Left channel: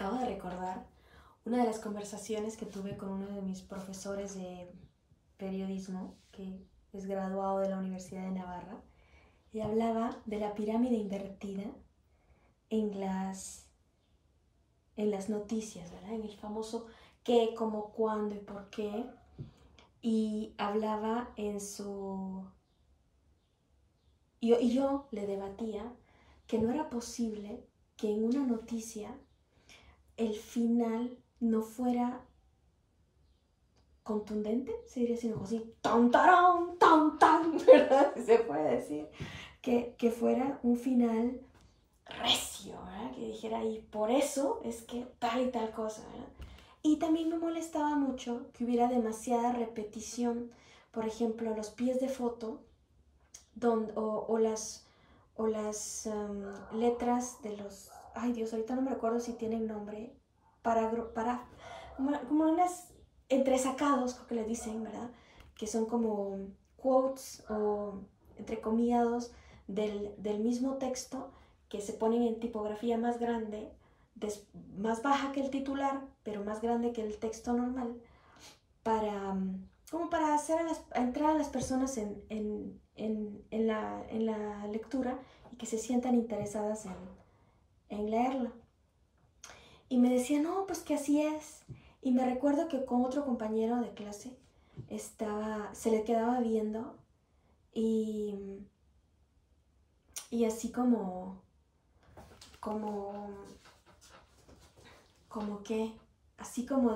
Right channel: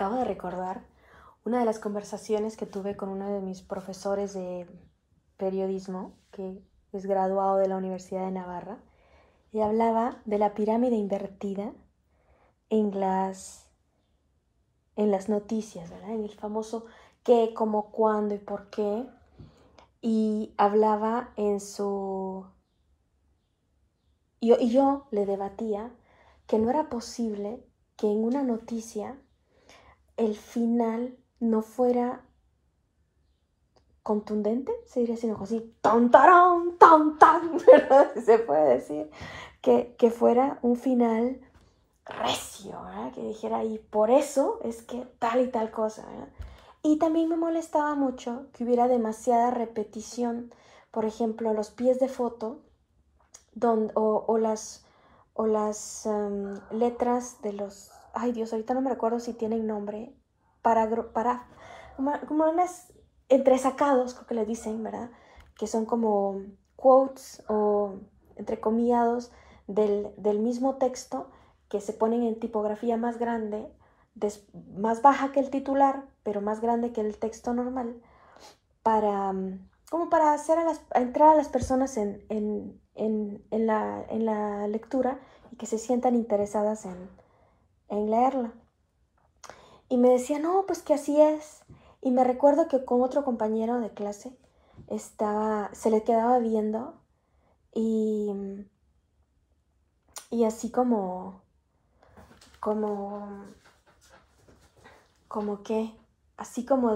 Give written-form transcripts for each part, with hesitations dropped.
Acabo de recordar una de las conversaciones que tuve con uno de mis profesores de periodismo, que es graduado de la Universidad de Navarra, y hablaba de la pirámide invertida en las noticias, ¿verdad? En el famoso qué, cómo, cuándo y por qué. Y hablaba y yo le debatía que no era posible que en una noticia el final no fuera contundente, se diría así, así, tan, tarán, tan, tan, ¿verdad? Se puede decir que fuera un final recio, ¿verdad? Que dijera, y por eso es que tal y tal cosa, ¿verdad? Y también me molestaba mucho que hubiera demasiada repetición, por ejemplo, los pies de foto o las letras de los, ay Dios, ahorita no me recuerdo si tienen nombre, para como unas entresacados, creo que les dicen, ¿verdad? Que son como quotes o entrecomillados del mismo texto que se ponen en tipografía más grande, más baja que el titular, pero más grande que el texto normal, para como para hacer a entrar a las personas en la lectura y que se sientan interesadas en leerla. Y me decía, no, pues que así es. Y me recuerdo que con otro compañero de clase se le quedaba viendo y, y así como, como que, así como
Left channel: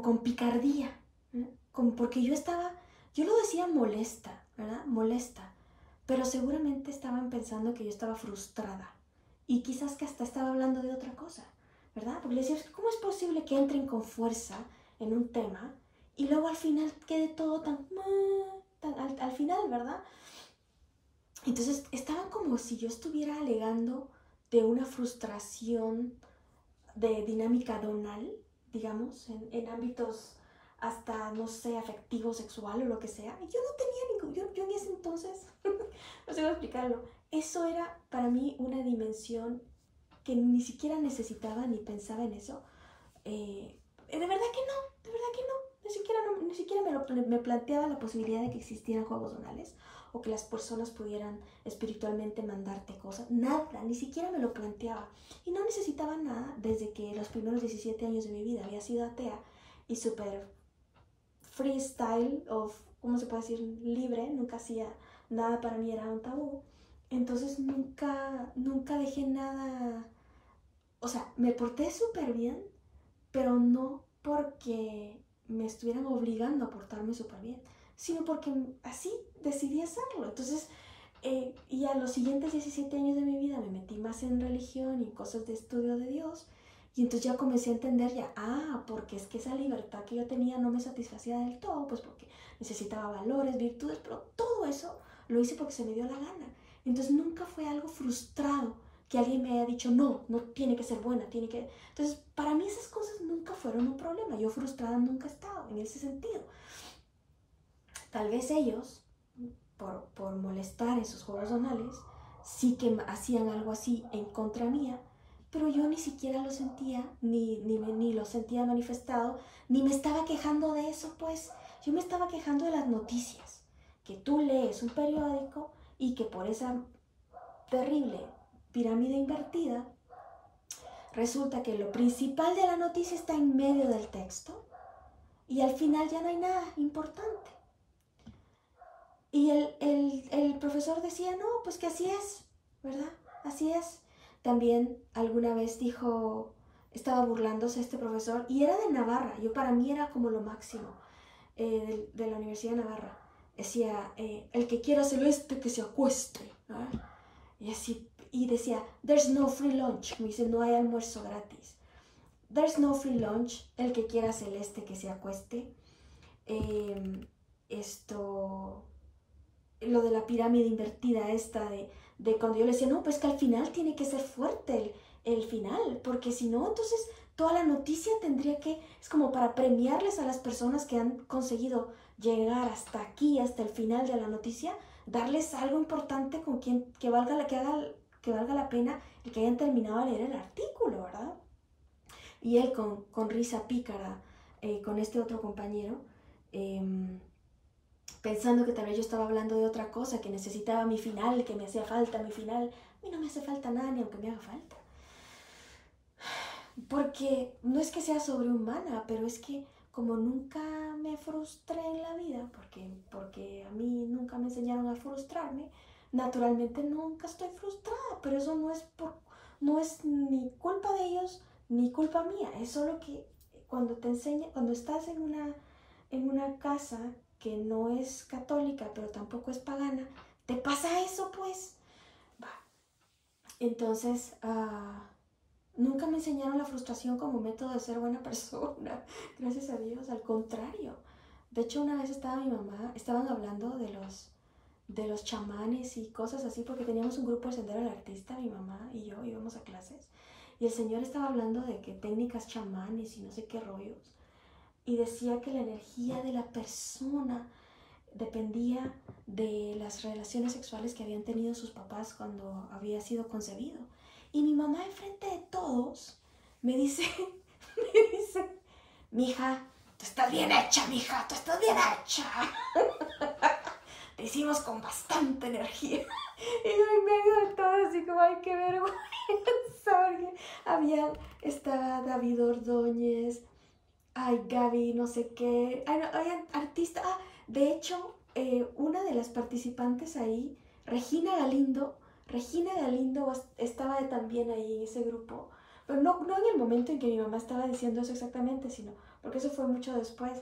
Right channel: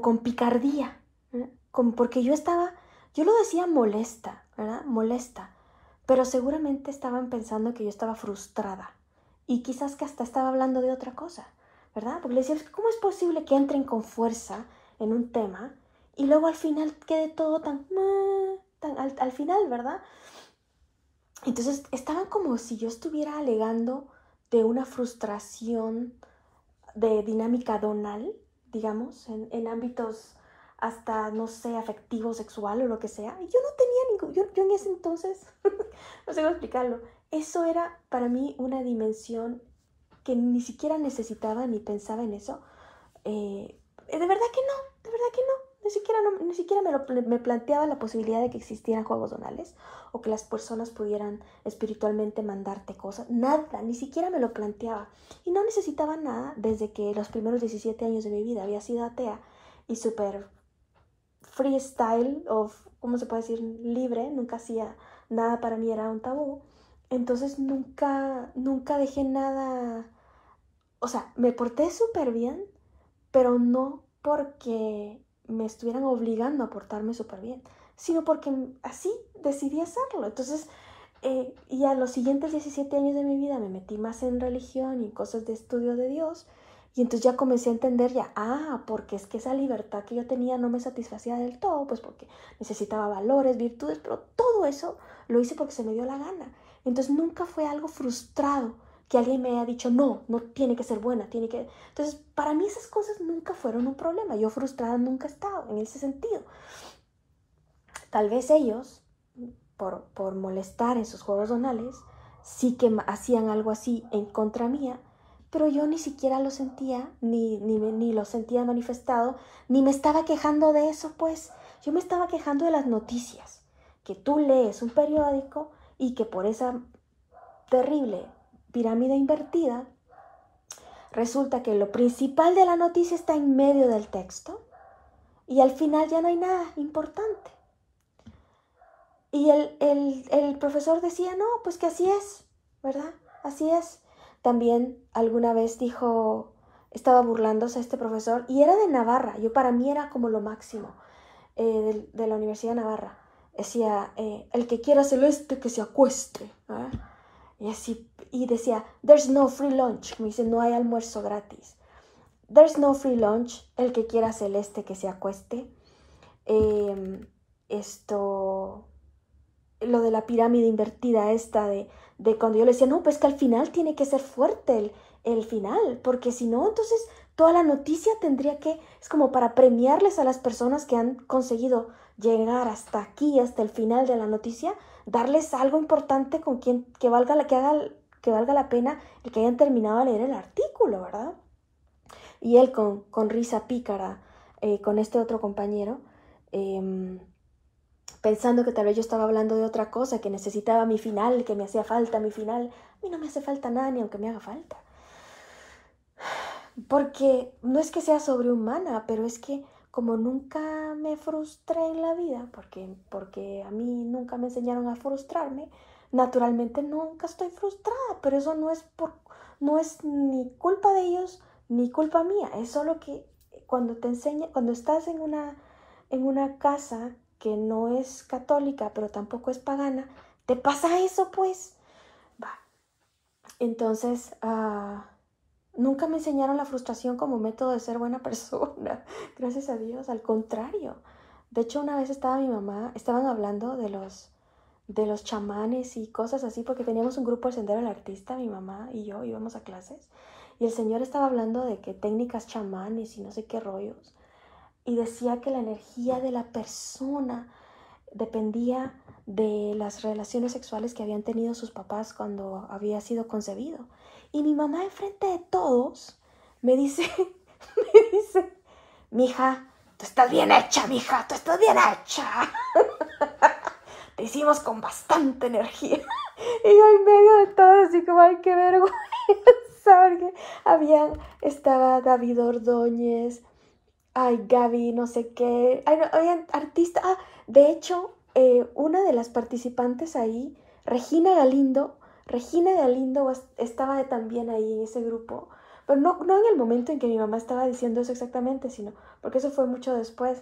con picardía, ¿eh? Como porque yo lo decía molesta, ¿verdad? Molesta, pero seguramente estaban pensando que yo estaba frustrada y quizás que hasta estaba hablando de otra cosa, ¿verdad? Porque le decía, ¿cómo es posible que entren con fuerza en un tema y luego al final quede todo tan al final, ¿verdad? Entonces estaban como si yo estuviera alegando de una frustración de dinámica donal, digamos, en ámbitos hasta, no sé, afectivo, sexual o lo que sea. Y yo no tenía yo en ese entonces, no sé cómo explicarlo, eso era para mí una dimensión que ni siquiera necesitaba ni pensaba en eso. De verdad que no, de verdad que no. Ni siquiera me planteaba la posibilidad de que existieran juegos donales o que las personas pudieran espiritualmente mandarte cosas. Nada, ni siquiera me lo planteaba. Y no necesitaba nada desde que los primeros 17 años de mi vida había sido atea y súper freestyle o, ¿cómo se puede decir? Libre, nunca hacía nada, para mí era un tabú. Entonces nunca dejé nada, o sea, me porté súper bien, pero no porque me estuvieran obligando a portarme súper bien, sino porque así decidí hacerlo. Entonces, y a los siguientes 17 años de mi vida me metí más en religión y en cosas de estudio de Dios, y entonces ya comencé a entender porque es que esa libertad que yo tenía no me satisfacía del todo, pues porque necesitaba valores, virtudes, pero todo eso lo hice porque se me dio la gana. Entonces nunca fue algo frustrado que alguien me haya dicho, no, no tiene que ser buena, tiene que... Entonces, para mí esas cosas nunca fueron un problema. Yo frustrada nunca he estado en ese sentido. Tal vez ellos, por molestar en sus juegos donales, sí que hacían algo así en contra mía, pero yo ni siquiera lo sentía, ni lo sentía manifestado, ni me estaba quejando de eso, pues. Yo me estaba quejando de las noticias, que tú lees un periódico y que por esa terrible pirámide invertida, resulta que lo principal de la noticia está en medio del texto y al final ya no hay nada importante. Y el profesor decía, no, pues que así es, ¿verdad? Así es. También alguna vez estaba burlándose este profesor, y era de Navarra, para mí era como lo máximo, de la Universidad de Navarra. Decía, el que quiera celeste que se acueste, ¿verdad? Y así, y decía, there's no free lunch, me dice, no hay almuerzo gratis. There's no free lunch, el que quiera celeste que se acueste. Eh, esto, lo de la pirámide invertida de cuando yo le decía, no, pues que al final tiene que ser fuerte el final, porque si no, entonces toda la noticia es como para premiarles a las personas que han conseguido llegar hasta aquí, hasta el final de la noticia, darles algo importante que valga la pena el que hayan terminado de leer el artículo, ¿verdad? Y él con risa pícara, con este otro compañero, pensando que tal vez yo estaba hablando de otra cosa, que necesitaba mi final, que me hacía falta mi final. A mí no me hace falta nada ni aunque me haga falta. Porque no es que sea sobrehumana, pero es que como nunca me frustré en la vida, porque a mí nunca me enseñaron a frustrarme, naturalmente nunca estoy frustrada, pero eso no es ni culpa de ellos ni culpa mía, es solo que cuando estás en una casa que no es católica, pero tampoco es pagana, te pasa eso pues. Va. Entonces, nunca me enseñaron la frustración como método de ser buena persona, gracias a Dios, al contrario. De hecho, una vez estaba mi mamá, estaban hablando de los chamanes y cosas así, porque teníamos un grupo de Sendero del Artista, mi mamá y yo íbamos a clases, y el señor estaba hablando de que técnicas chamanes y no sé qué rollos, y decía que la energía de la persona dependía de las relaciones sexuales que habían tenido sus papás cuando había sido concebido. Y mi mamá enfrente de todos me dice, mija, tú estás bien hecha, mija, tú estás bien hecha. Te hicimos con bastante energía. Y yo en medio de todo así como, ay, qué vergüenza. Estaba David Ordóñez, ay, Gaby, no sé qué, ay, no, había artistas, de hecho, una de las participantes ahí, Regina Galindo estaba también ahí en ese grupo, pero no en el momento en que mi mamá estaba diciendo eso exactamente, sino porque eso fue mucho después,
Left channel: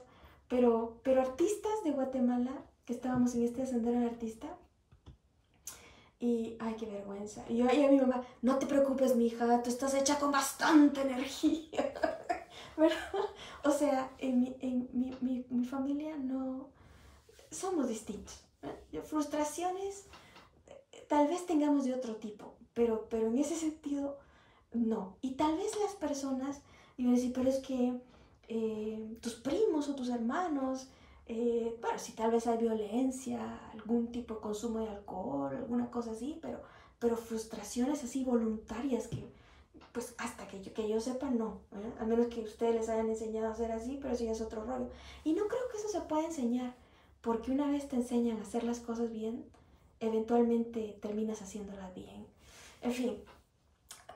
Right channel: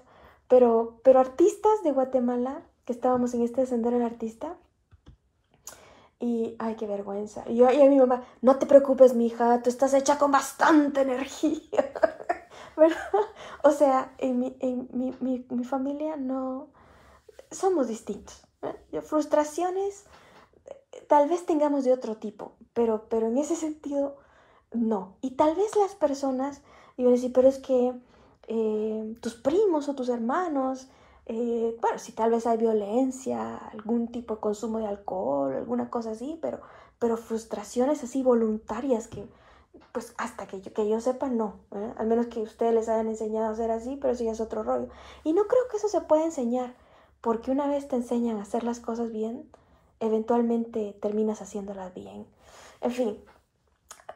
pero artistas de Guatemala, que estábamos en este sendero del artista, y ay, qué vergüenza, y a mi mamá, no te preocupes, mija, tú estás hecha con bastante energía, ¿verdad? O sea, en mi familia no somos distintos, ¿eh? Frustraciones tal vez tengamos de otro tipo, pero en ese sentido no. Y tal vez las personas iban a decir, pero es que tus primos o tus hermanos, bueno, si tal vez hay violencia, algún tipo de consumo de alcohol, alguna cosa así, pero frustraciones así voluntarias que pues hasta que yo sepa, no, ¿verdad? Al menos que ustedes les hayan enseñado a hacer así, pero eso ya es otro rollo. Y no creo que eso se pueda enseñar, porque una vez te enseñan a hacer las cosas bien, eventualmente terminas haciéndolas bien. En fin,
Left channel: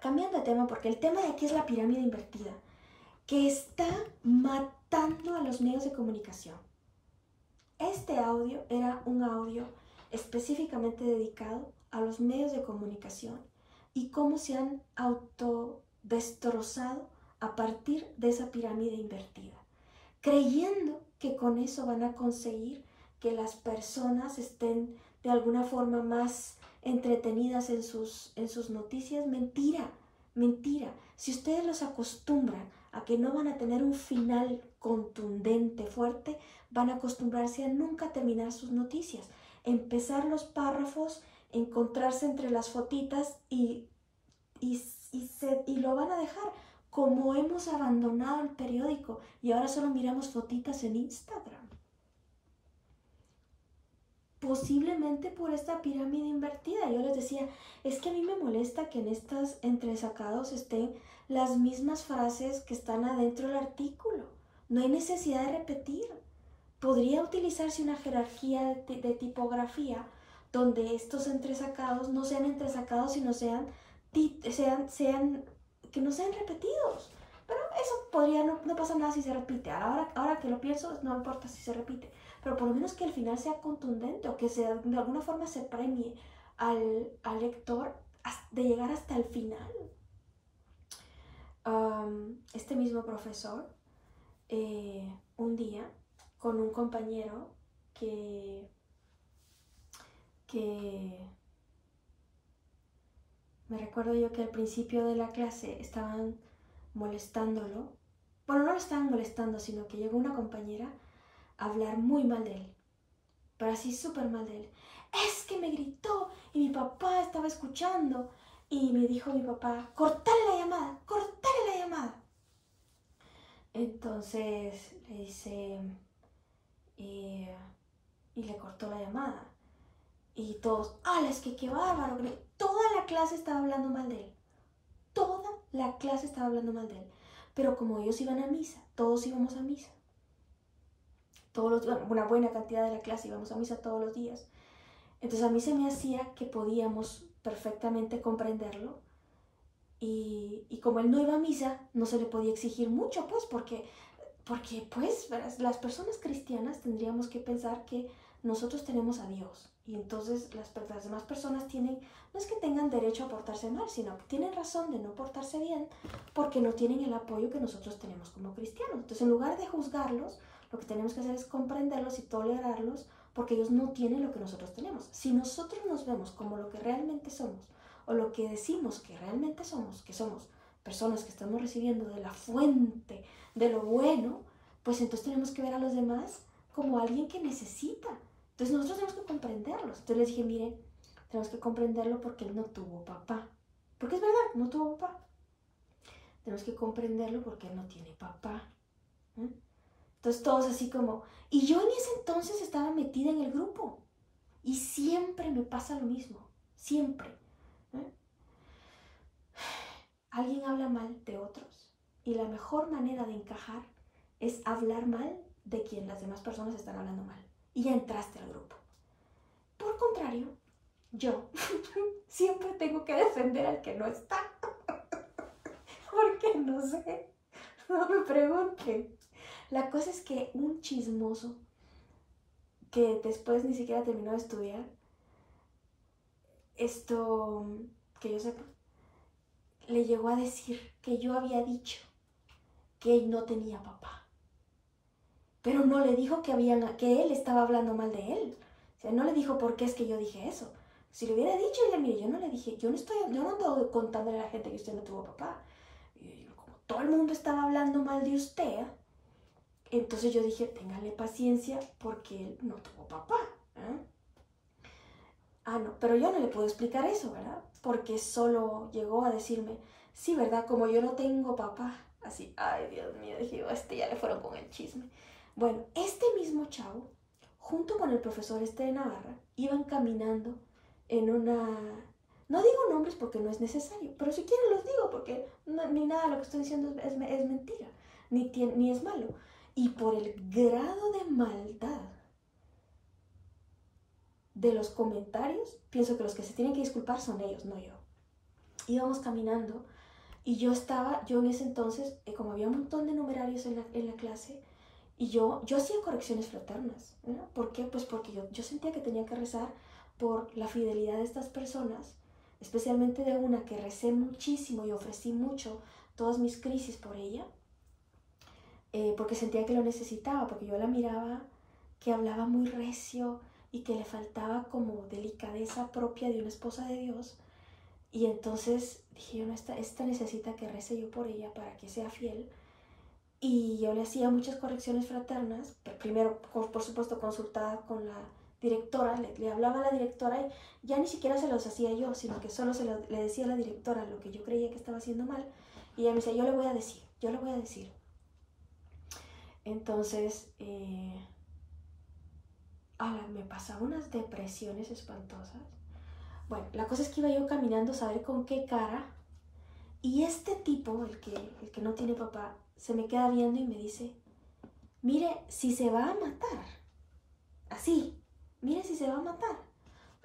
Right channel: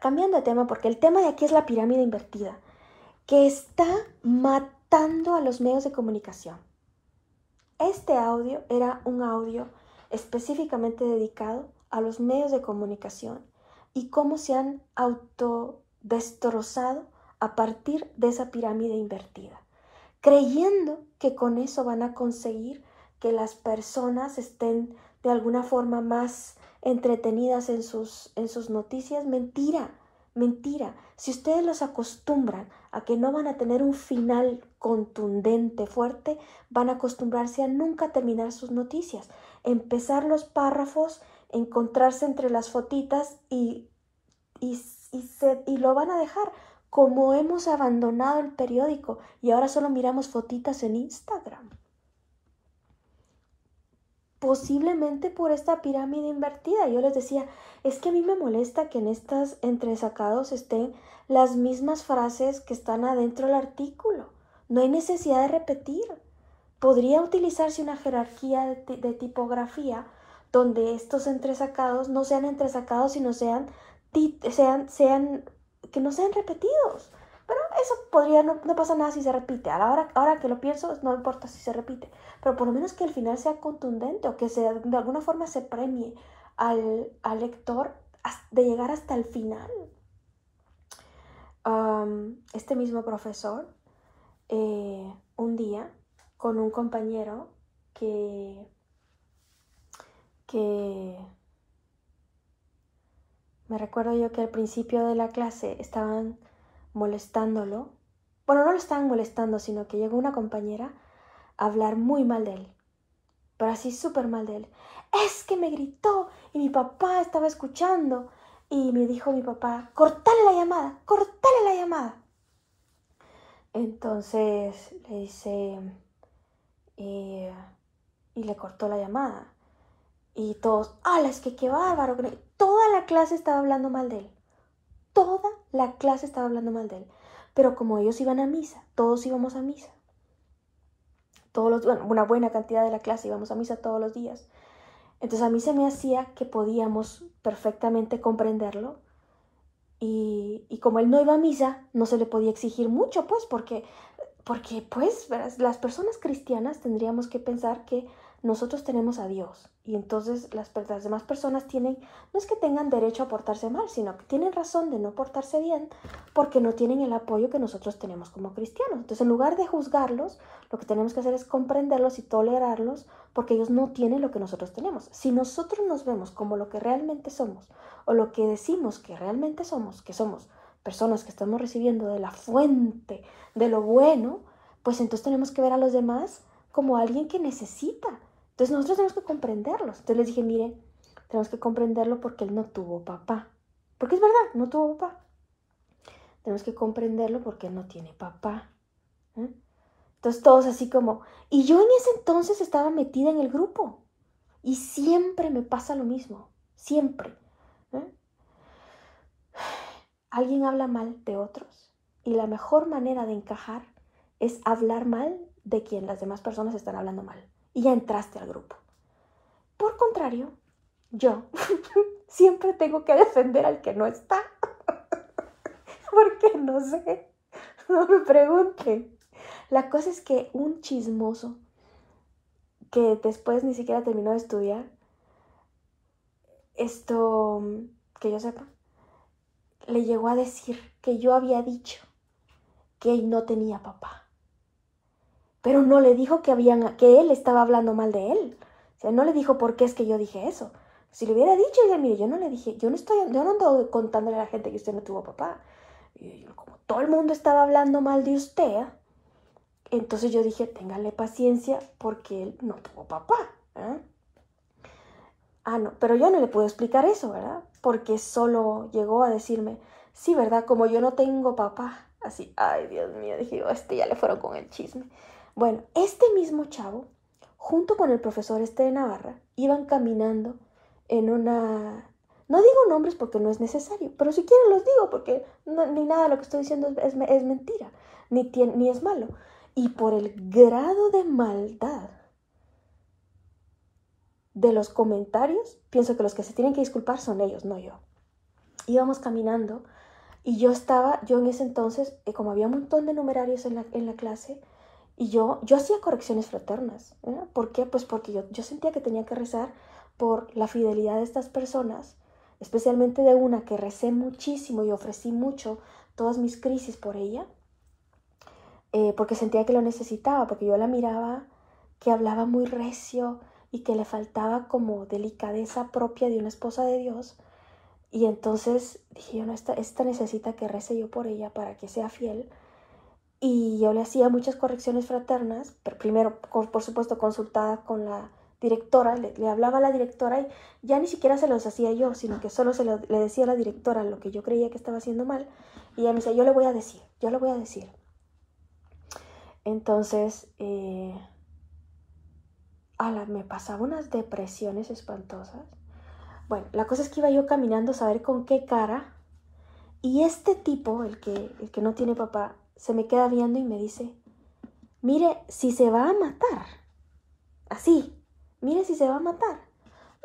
cambiando de tema, porque el tema de aquí es la pirámide invertida, que está matando a los medios de comunicación. Este audio era un audio específicamente dedicado a los medios de comunicación y cómo se han autodestrozado a partir de esa pirámide invertida, creyendo que con eso van a conseguir que las personas estén de alguna forma más entretenidas en sus noticias. Mentira, mentira. Si ustedes los acostumbran a que no van a tener un final contundente, fuerte, van a acostumbrarse a nunca terminar sus noticias, empezar los párrafos, encontrarse entre las fotitas y lo van a dejar, como hemos abandonado el periódico y ahora solo miramos fotitas en Instagram. Posiblemente por esta pirámide invertida. Yo les decía, es que a mí me molesta que en estas entresacados estén las mismas frases que están adentro del artículo. No hay necesidad de repetir. Podría utilizarse una jerarquía de tipografía donde estos entresacados no sean entresacados, sino que no sean repetidos. Pero eso podría, no pasa nada si se repite. Ahora que lo pienso, no importa si se repite. Pero por lo menos que el final sea contundente o que de alguna forma se premie al lector de llegar hasta el final. Este mismo profesor, un día, con un compañero que me recuerdo yo que al principio de la clase estaban molestándolo. Bueno, no lo estaban molestando, sino que llegó una compañera a hablar muy mal de él, pero así súper mal de él. Es que me gritó y mi papá estaba escuchando y me dijo mi papá, cortale la llamada, cortale la llamada. Entonces le dice, y le cortó la llamada. Y todos, ¡ala, es que qué bárbaro! Toda la clase estaba hablando mal de él. Toda la clase estaba hablando mal de él. pero como ellos iban a misa, todos íbamos a misa, una buena cantidad de la clase íbamos a misa todos los días. Entonces a mí se me hacía que podíamos perfectamente comprenderlo y como él no iba a misa, no se le podía exigir mucho, pues, porque pues las personas cristianas tendríamos que pensar que nosotros tenemos a Dios y entonces las demás personas tienen, no es que tengan derecho a portarse mal, sino que tienen razón de no portarse bien porque no tienen el apoyo que nosotros tenemos como cristianos. Entonces, en lugar de juzgarlos, lo que tenemos que hacer es comprenderlos y tolerarlos porque ellos no tienen lo que nosotros tenemos. Si nosotros nos vemos como lo que realmente somos o lo que decimos que realmente somos, que somos personas que estamos recibiendo de la fuente de lo bueno, pues entonces tenemos que ver a los demás como alguien que necesita. Entonces nosotros tenemos que comprenderlos. Entonces les dije, mire, tenemos que comprenderlo porque él no tuvo papá. Porque es verdad, no tuvo papá. Tenemos que comprenderlo porque él no tiene papá. Entonces todos así como... Y yo en ese entonces estaba metida en el grupo. Y siempre me pasa lo mismo. Siempre. Alguien habla mal de otros. Y la mejor manera de encajar es hablar mal de quien las demás personas están hablando mal. Y ya entraste al grupo. Por contrario, yo siempre tengo que defender al que no está. Porque no sé, no me pregunten. La cosa es que un chismoso que después ni siquiera terminó de estudiar, esto, que yo sepa, le llegó a decir que yo había dicho que él no tenía papá. Pero no le dijo que él estaba hablando mal de él. O sea, no le dijo por qué es que yo dije eso. Si le hubiera dicho, mire, yo no le dije, yo no ando contándole a la gente que usted no tuvo papá. Y como todo el mundo estaba hablando mal de usted, entonces yo dije, téngale paciencia porque él no tuvo papá. No, pero yo no le puedo explicar eso, ¿verdad? Porque solo llegó a decirme, sí, ¿verdad? Como yo no tengo papá. Así, ay, Dios mío, dije, ya le fueron con el chisme. Bueno, este mismo chavo, junto con el profesor de Navarra, iban caminando en una... No digo nombres porque no es necesario, pero si quieren los digo porque ni nada de lo que estoy diciendo es mentira, ni es malo. Y por el grado de maldad de los comentarios, pienso que los que se tienen que disculpar son ellos, no yo. Íbamos caminando y yo en ese entonces, como había un montón de numerarios en la clase, y yo hacía correcciones fraternas. ¿Por qué? Pues porque yo sentía que tenía que rezar por la fidelidad de estas personas, especialmente de una que recé muchísimo y ofrecí mucho todas mis crisis por ella, porque sentía que lo necesitaba, porque yo la miraba que hablaba muy recio y que le faltaba como delicadeza propia de una esposa de Dios. Y entonces dije yo, no, esta necesita que rece yo por ella para que sea fiel. Y yo le hacía muchas correcciones fraternas, pero primero, por supuesto, consultada con la directora, le hablaba a la directora y ya ni siquiera se los hacía yo, sino que solo le decía a la directora lo que yo creía que estaba haciendo mal. Y ella me decía, yo le voy a decir. Entonces, me pasaba unas depresiones espantosas. Bueno, la cosa es que iba yo caminando a saber con qué cara, y este tipo, el que no tiene papá, se me queda viendo y me dice, mire, si se va a matar, así, mire si se va a matar,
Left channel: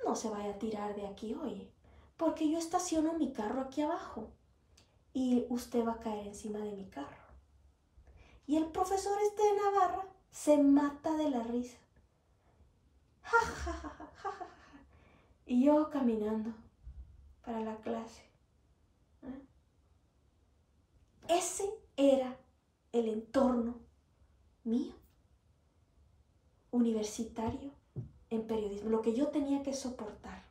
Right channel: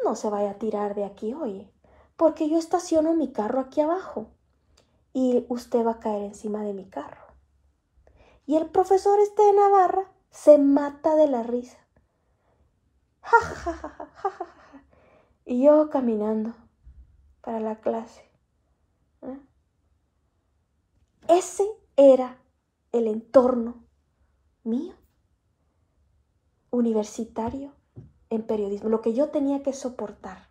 no se vaya a tirar de aquí hoy, porque yo estaciono mi carro aquí abajo y usted va a caer encima de mi carro. Y el profesor de Navarra se mata de la risa. Ja, ja, ja, ja, ja, ja. Y yo caminando para la clase. Ese era el entorno mío, universitario, en periodismo, lo que yo tenía que soportar.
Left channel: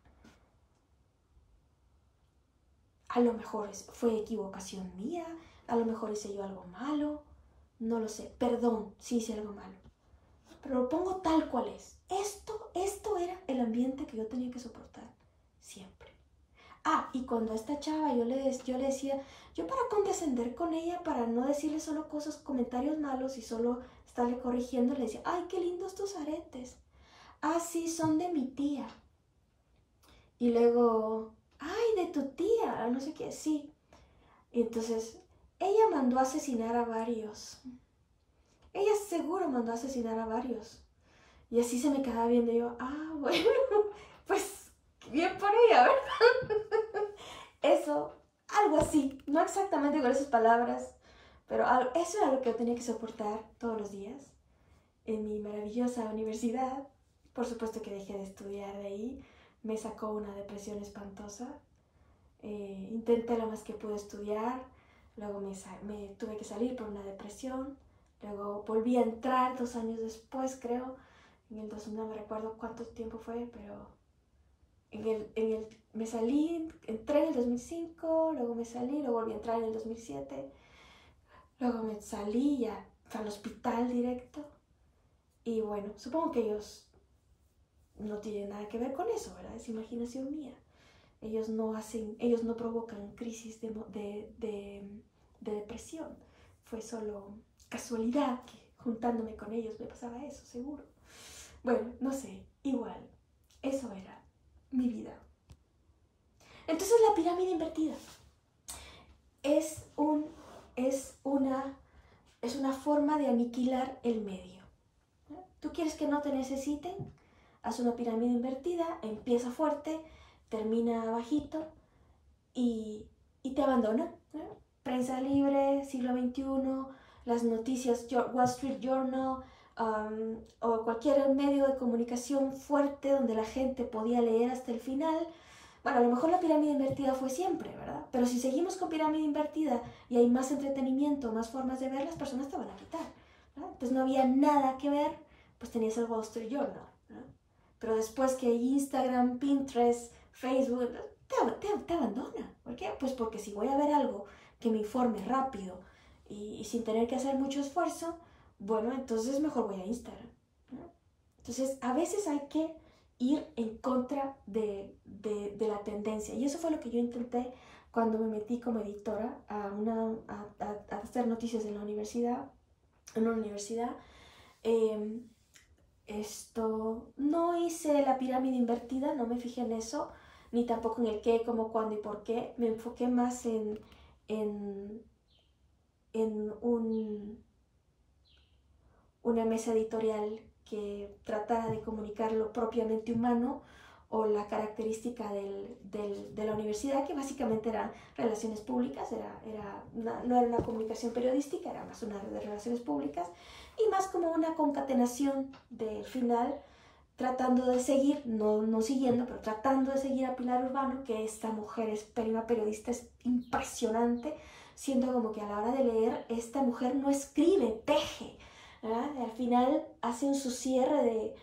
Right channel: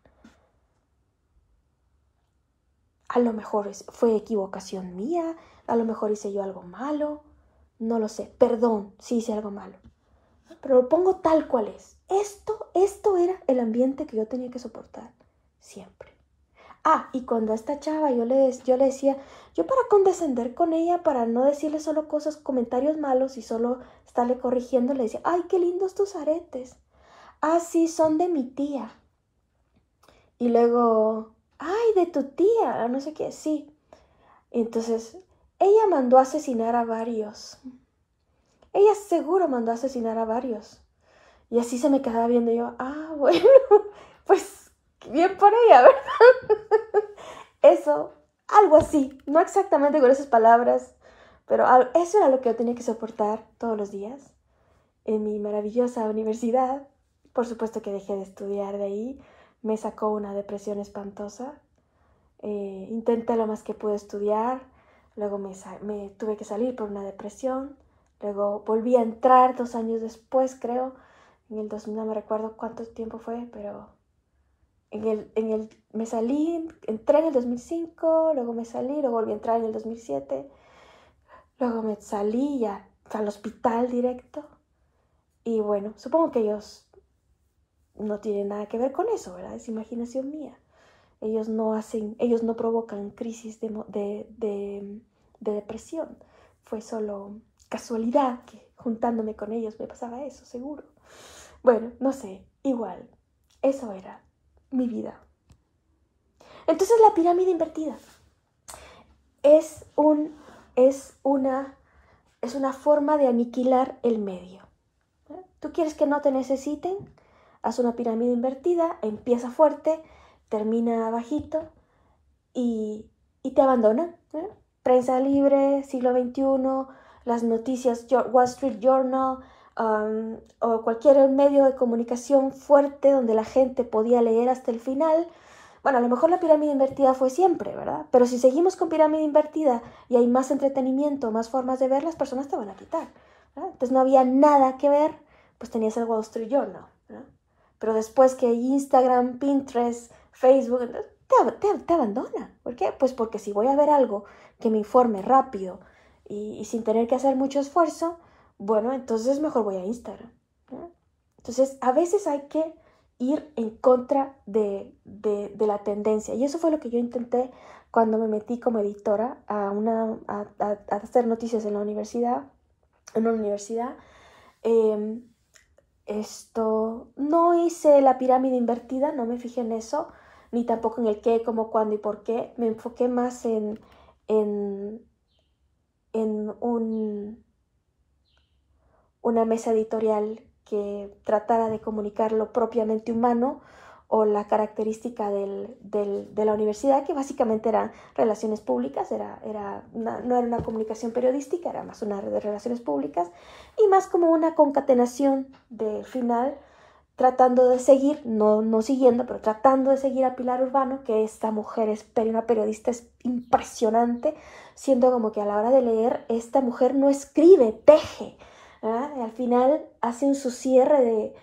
A lo mejor fue equivocación mía, a lo mejor hice yo algo malo, no lo sé, perdón si hice algo malo, pero lo pongo tal cual es. Esto era el ambiente que yo tenía que soportar siempre. Y cuando a esta chava yo le decía, yo para condescender con ella, para no decirle solo comentarios malos y solo estarle corrigiendo, le decía, ay, qué lindos tus aretes. Sí, son de mi tía. Y luego, ay, de tu tía, no sé qué, sí. Entonces, ella mandó a asesinar a varios. Ella seguro mandó a asesinar a varios. Y así se me quedaba viendo yo, bueno, pues bien por ella, ¿verdad? Eso, algo así, no exactamente con esas palabras, pero eso era lo que yo tenía que soportar todos los días en mi maravillosa universidad. Por supuesto que dejé de estudiar de ahí, me sacó una depresión espantosa. Intenté lo más que pude estudiar, luego me tuve que salir por una depresión, luego volví a entrar 2 años después, creo, en el 2000, no me recuerdo cuánto tiempo fue, pero me salí, entré en el 2005, luego me salí, luego volví a entrar en el 2007, luego me salí ya al hospital directo. Y bueno, supongo que ellos no tienen nada que ver con eso, ¿verdad? Es imaginación mía. Ellos no provocan crisis de depresión. Fue solo casualidad que juntándome con ellos me pasaba eso, seguro. Bueno, no sé, igual, eso era mi vida. Entonces la pirámide invertida es una forma de aniquilar el medio. ¿Tú quieres que no te necesiten? Haz una pirámide invertida, empieza fuerte, termina bajito y te abandonan. Prensa libre, siglo XXI, las noticias, Wall Street Journal, o cualquier medio de comunicación fuerte donde la gente podía leer hasta el final. Bueno, a lo mejor la pirámide invertida fue siempre, ¿verdad? Pero si seguimos con pirámide invertida y hay más entretenimiento, más formas de ver, las personas te van a quitar, ¿verdad? Entonces no había nada que ver, pues tenías el Wall Street Journal, ¿verdad? Pero después que Instagram, Pinterest, Facebook, te abandona. ¿Por qué? Pues porque si voy a ver algo que me informe rápido y sin tener que hacer mucho esfuerzo, bueno, entonces mejor voy a Instagram, ¿no? Entonces, a veces hay que ir en contra de la tendencia. Y eso fue lo que yo intenté cuando me metí como editora a hacer noticias en la universidad. En una universidad. No hice la pirámide invertida, no me fijé en eso, ni tampoco en el qué, cómo, cuándo y por qué. Me enfoqué más en una mesa editorial que tratara de comunicar lo propiamente humano o la característica de la universidad, que básicamente eran relaciones públicas, no era una comunicación periodística, era más una red de relaciones públicas, y más como una concatenación del final, tratando de seguir, no siguiendo, pero tratando de seguir a Pilar Urbano, que esta mujer es una periodista impresionante, siendo como que a la hora de leer, esta mujer no escribe, teje. Al final hacen su cierre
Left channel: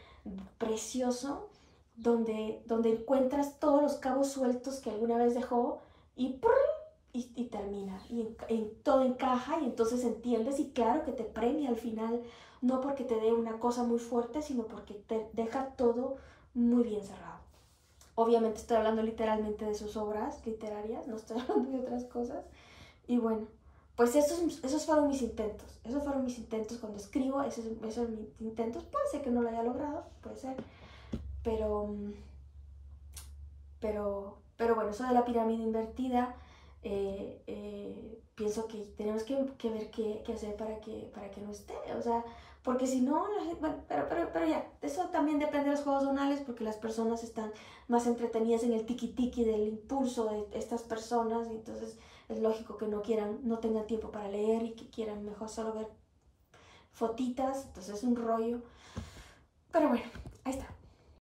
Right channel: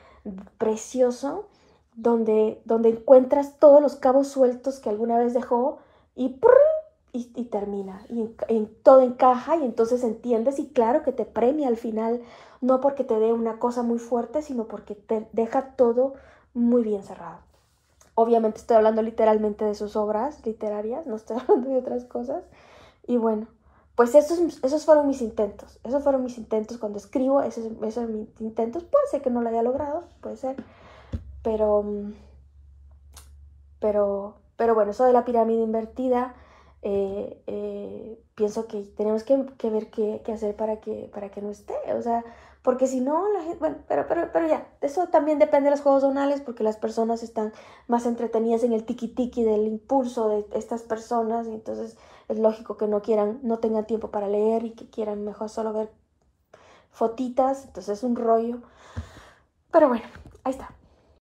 precioso, donde encuentras todos los cabos sueltos que alguna vez dejó y termina, y todo encaja, y entonces entiendes, y claro que te premia al final, no porque te dé una cosa muy fuerte, sino porque te deja todo muy bien cerrado. Obviamente estoy hablando literalmente de sus obras literarias, no estoy hablando de otras cosas. Y bueno, pues esos fueron mis intentos. Esos fueron mis intentos cuando escribo, esos son mis intentos. Puede ser que no lo haya logrado, puede ser. Pero bueno, eso de la pirámide invertida, pienso que tenemos que ver qué hacer para que no esté. O sea, porque si no, la gente, bueno, pero ya, eso también depende de los juegos zonales, porque las personas están más entretenidas en el tiki-tiki del impulso de estas personas, y entonces es lógico que no tengan tiempo para leer y que quieran mejor solo ver fotitas, entonces es un rollo. Pero bueno, ahí está.